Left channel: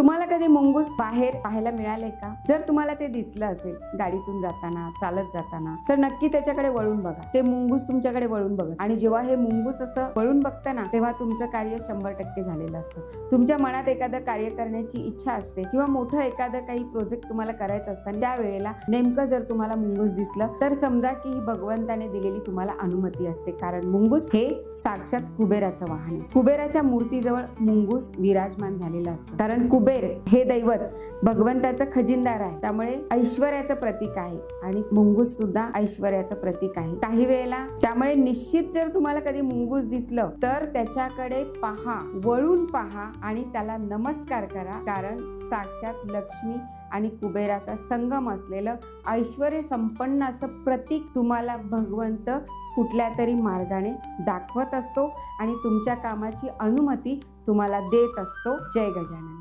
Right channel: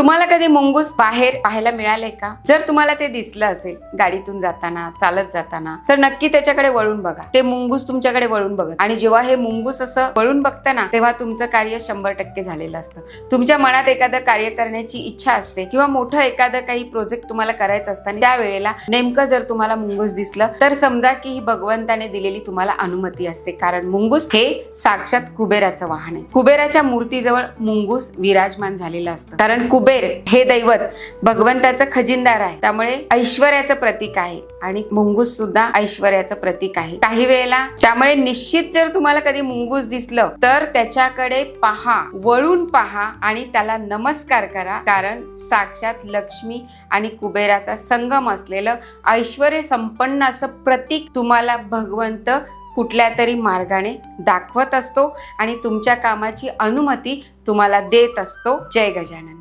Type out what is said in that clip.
तुम्हाला कधी मुंगूस बाहेर पाहायला मिळाले का? जर तुम्हाला ते दिसलं असेल गाडीतून जाताना चालत जाताना तर नक्की त्याच्याकडे वळून बघा. ते मुंगूस तुमच्याकडे वळून बघत आणि जेव्हा हे मुंगूस असं वळून बघतं ना तेव्हा तुमचं कार्य शंभर टक्के झालेलं असतं. तुमच्या मनात एखादं कार्य करण्याची इच्छा असते किंवा मोठं एखादं काही प्रोजेक्ट तुम्हाला करायचं असतं आणि त्यावेळेला नेमकं जर तुम्हाला मुंगूस दिसलं तर समजा की ही भगवंताने दिलेली तुम्हाला अनुमती असते. कारण मुंगूस हे साक्षात कुबेराचं वाहन आहे. कुबेराच्या मूर्तीजवळ मुंगूस विराजमान झालेलं असतं. कारण कुबेर हे दैवत भगवंताचं खजिनदार आहे. त्यामुळे ऐश्वर्याचं प्रतीक आहे. आणि मुंगूस सुद्धा ऐश्वर्याचं प्रतीक आहे. काही वेळेला त्यामुळे निश्चित जर तुम्हाला कधी मुंगूस दिसलं तर त्याच्याकडे पहा वळून पहा आणि त्याला नमस्कार करा. कारण साक्षात लक्ष्मी आणि कुबेराचा संगम असलेलं ऐश्वर संपन्न असं प्रतीक तुम्हाला भगवंत कुठल्या तरी मार्गाने दाखवत असतो आणि तुमच्या कामाची अनुमती तुम्हाला देत असतो. जय गजानन.